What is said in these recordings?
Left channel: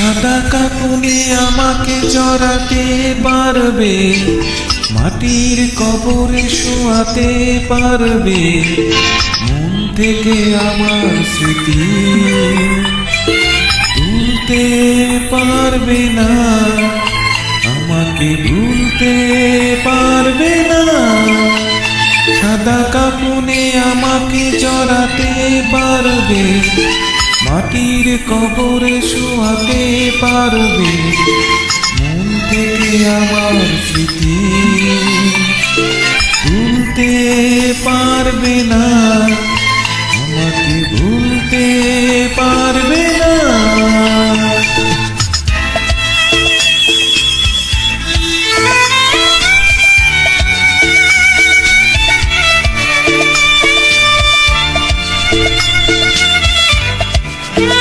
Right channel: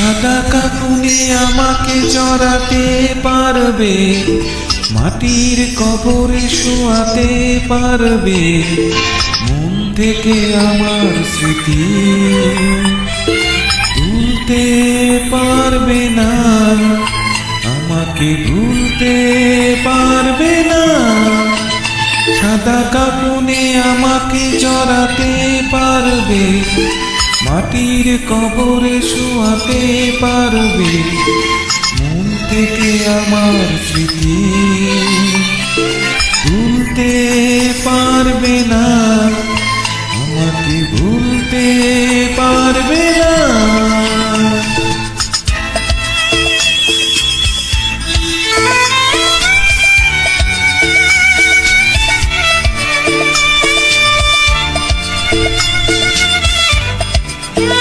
সাদা কাকুনে আমাকে জড়াতে পারবে, মাটির কবরে শোয়াতে পারবে, মন থেকে আমার স্মৃতি তুলতে পারবে না, আমাকে ভুলতে পারবে না। সাদা কাপুনে আমাকে জড়াতে পারবে মাটির কবরে শোয়াতে পারবে মন থেকে আমার স্মৃতি। তুলতে পারবে না, আমাকে ভুলতে পারবে না।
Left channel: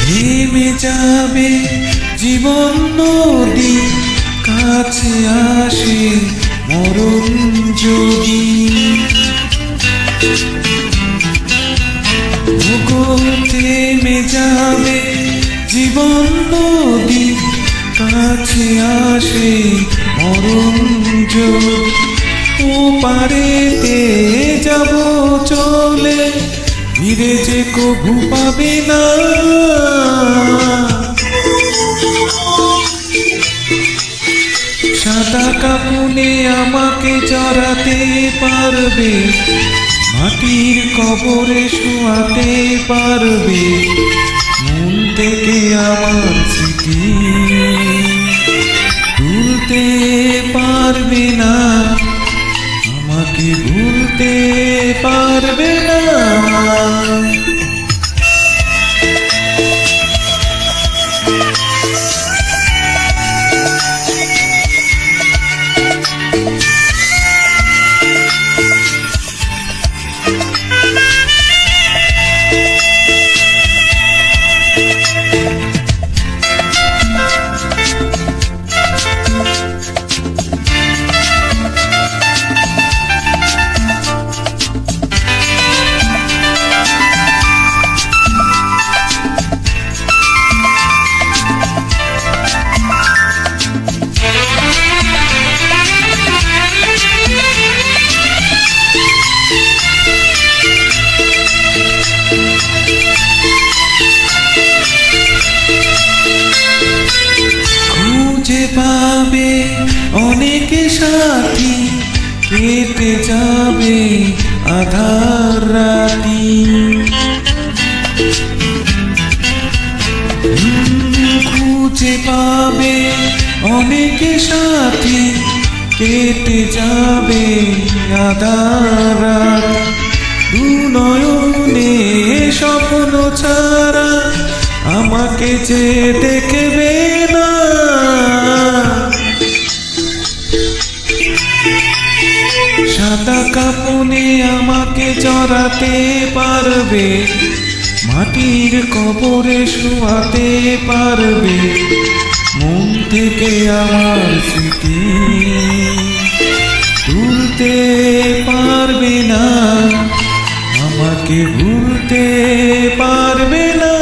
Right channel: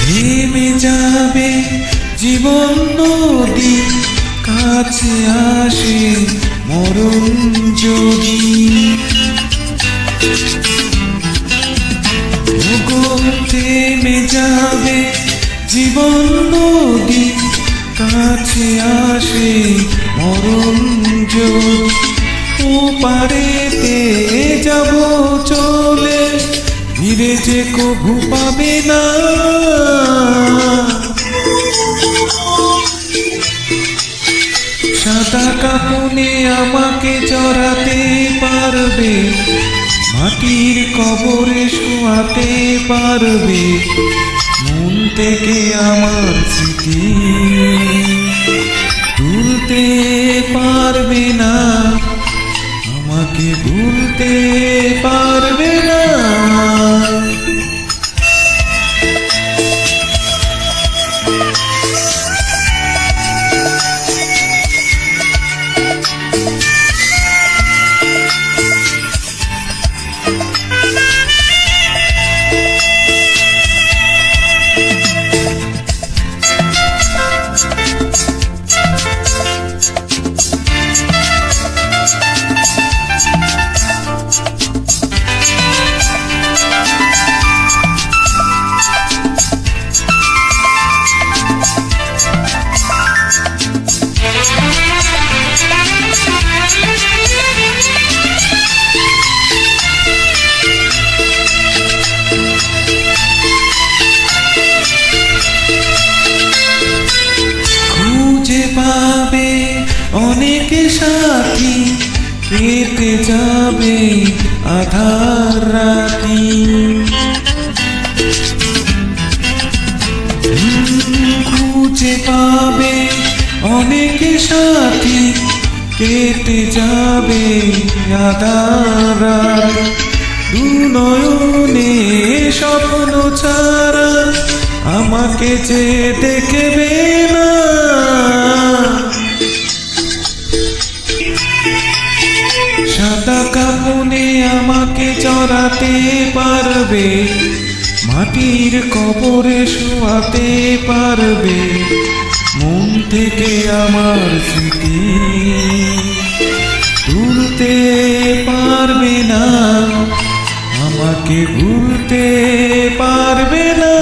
থেমে যাবে জীবন নদী, কাছে আসে মরণ যদি। থেমে যাবে জীবন নদী, কাছে আসে মরণ যদি। ও পারেতে যাব চলে ফিরে যে কভু পাবে না। সাদা কাপুনে আমাকে জড়াতে পারবে, মাটির কবরে শোয়াতে পারবে, মন থেকে আমার স্মৃতি তুলতে পারবে না। আমাকে ভুলতে পারবে না খুঁজে পাবে অনেক সাথী, কেটে যাবে আধার রাতি। খুঁজে পাবে অনেক সাথী, কেটে যাবে আধার রাতি। দু নয়নে স্বপ্ন ছাড়া আমাকে যে দেখবে না। সাদা কাপুনে আমাকে চড়াতে পারবে, মাটির কবরে শোয়াতে পারবে, মন থেকে আমার স্মৃতি তুলতে পারবে না। তোমাকে ভুলতে পারবে না।